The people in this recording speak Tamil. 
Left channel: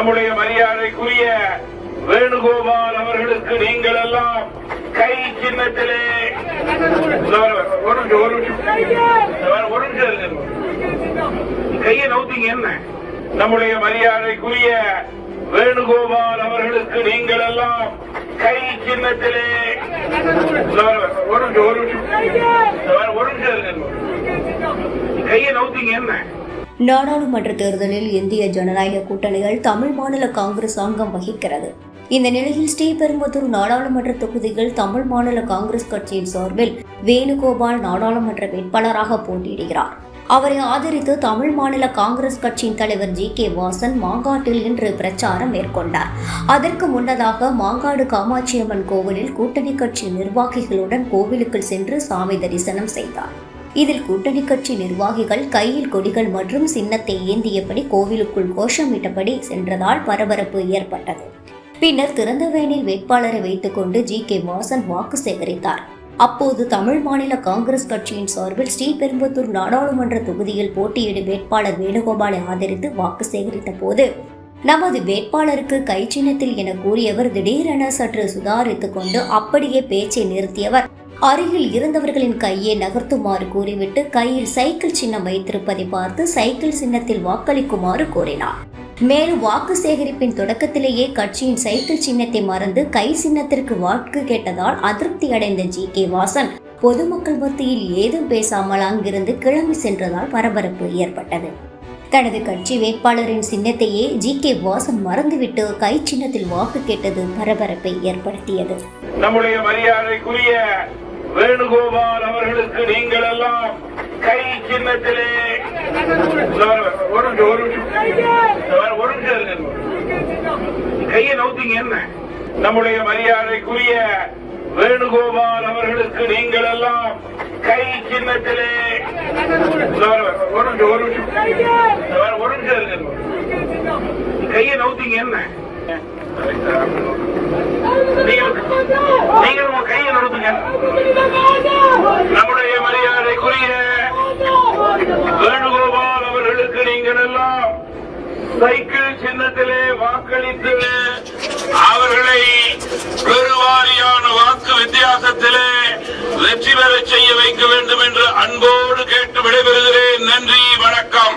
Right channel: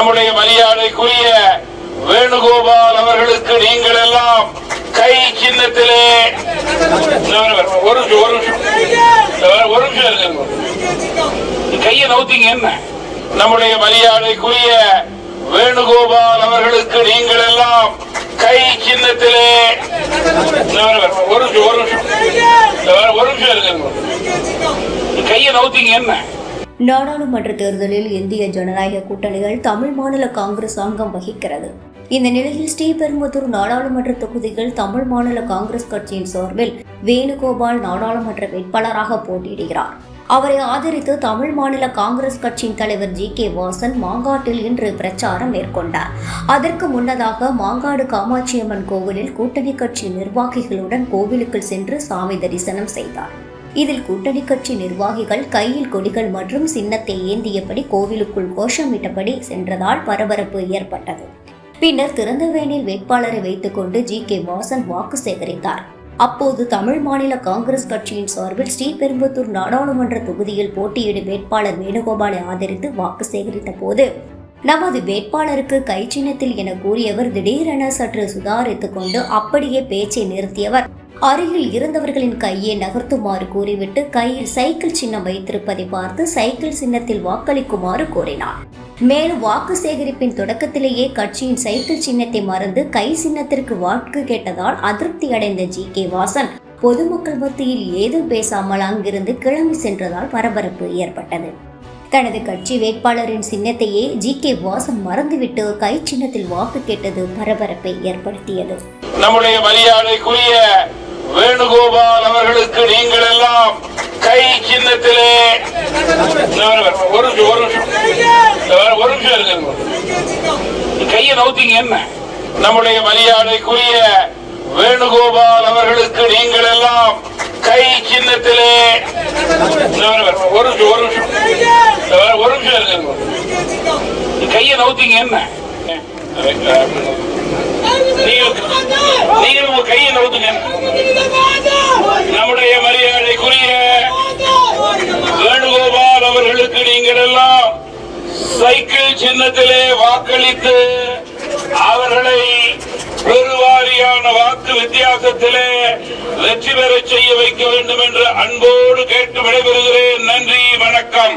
நம்முடைய மரியாதைக்குரிய வேணுகோபால் அவர்களுக்கு நீங்கள் எல்லாம் கை சின்னத்திலே ஒரு நிமிஷம், ஒரு நிமிஷம் ஒரு நிமிஷம் இருங்க. கையை நவுத்தீங்க என்ன நம்முடைய மரியாதைக்குரிய வேணுகோபால் அவர்களுக்கு நீங்கள் எல்லாம் கை சின்னத்திலே ஒரு நிமிஷம், ஒரு நிமிஷம் ஒரு நிமிஷம் இருங்க. கையை நவுத்தீங்க என்ன நாடாளுமன்ற தேர்தலில் இந்திய ஜனநாயக கூட்டணிகள் தமிழ் மாநில காங்கிரஸ் அங்கம் வகிக்கிறது. இந்த நிலையில் ஸ்ரீபெரும்புத்தூர் நாடாளுமன்ற தொகுதியில் தமிழ் மாநில காங்கிரஸ் கட்சியின் சார்பில் வேணுகோபால் நாடாளுமன்ற வேட்பாளராக போட்டியிடுகிறார். அவரை ஆதரித்து தமிழ் மாநில காங்கிரஸ் கட்சியின் தலைவர் ஜி. கே. வாசன் மாங்காட்டில் இன்று பிரச்சாரம் மேற்கொண்டார். அதற்கு முன்னதாக மாங்காடு காமாட்சியம்மன் கோவிலில் கூட்டணி கட்சி நிர்வாகிகளுடன் கோவிலுக்குள் சென்று சாமி தரிசனம் செய்தார். இதில் கூட்டணி கட்சி நிர்வாகிகள் கையில் கொடிகள் மற்றும் சின்னத்தை ஏந்தியபடி கோவிலுக்குள் கோஷமிட்டபடி சென்றதால் பரபரப்பு ஏற்பட்டது. பின்னர் திறந்தவேனில் வேட்பாளரை வைத்துக்கொண்டு ஜி. கே. வாசன் வாக்கு சேகரித்தார். அப்போது தமிழ் மாநில காங்கிரஸ் கட்சியின் சார்பில் ஸ்ரீபெரும்புத்தூர் நாடாளுமன்ற தொகுதியில் போட்டியிடும் வேட்பாளர் வேணுகோபாலை ஆதரித்து வாக்கு சேகரித்த போது நமது வேட்பாளருக்கு கை சின்னத்தில் என கூறியவர் திடீரென சற்று சுதாரித்துக் கொண்டு அப்படியே பேச்சை நிறுத்தியவர். அருகில் இருந்தவர்களின் கையை நகர்த்துமாறு கூறிவிட்டு கையில் சைக்கிள் சின்னம் வைத்திருப்பதை பார்த்து சைக்கிள் சின்னத்தில் வாக்களிக்குமாறு கூறினார் மேலும் வாக்கு சேகரிப்பின் தொடக்கத்திலேயே கட்சியின் சைக்கிள் சின்னத்தை மறந்து கை சின்னத்திற்கு வாக்கு கேட்டதால் அதிருப்தி அடைந்த ஜி. கே. வாசன் பொதுமக்கள் மத்தியில் ஏதும் பேசாமல் அங்கிருந்து கிளம்பி சென்றதால் பரபரப்பு ஏற்பட்டது. தனது கட்சி வேட்பாளரின் சின்னத்தையே ஜி. கே. வாசன் மறந்துவிட்டு கை சின்னத்தில் வாக்கு கேட்டது பரபரப்பை ஏற்படுத்தியது. நம்முடைய மரியாதைக்குரிய வேணுகோபால் அவர்களுக்கு நீங்கள் எல்லாம் கை சின்னத்திலே ஒரு நிமிஷம், ஒரு நிமிஷம். ஒரு நிமிஷம் இருக்கு கையை நவுத்தீங்க என்ன? நம்முடைய மரியாதைக்குரிய வேணுகோபால் அவர்களுக்கு நீங்கள் எல்லாம் கை சின்னத்திலே ஒரு நிமிஷம், ஒரு நிமிஷம். ஒரு நிமிஷம் இருக்கு கையை நவுத்தீங்க என்ன? நீங்களும் நீங்களும் உங்க கையை நவுத்துங்க நம்முடைய மரியாதைக்குரிய வேணுகோபால் அவர்களுக்கு நீங்கள் எல்லாம் சைக்கிள் சின்னத்திலே வாக்களித்து அவர்களை பெருவாரியான வாக்கு வித்தியாசத்திலே வெற்றி பெற செய்ய வைக்க வேண்டும் என்று அன்போடு கேட்டு விடைபெறுகிறேன். நன்றி வணக்கம்.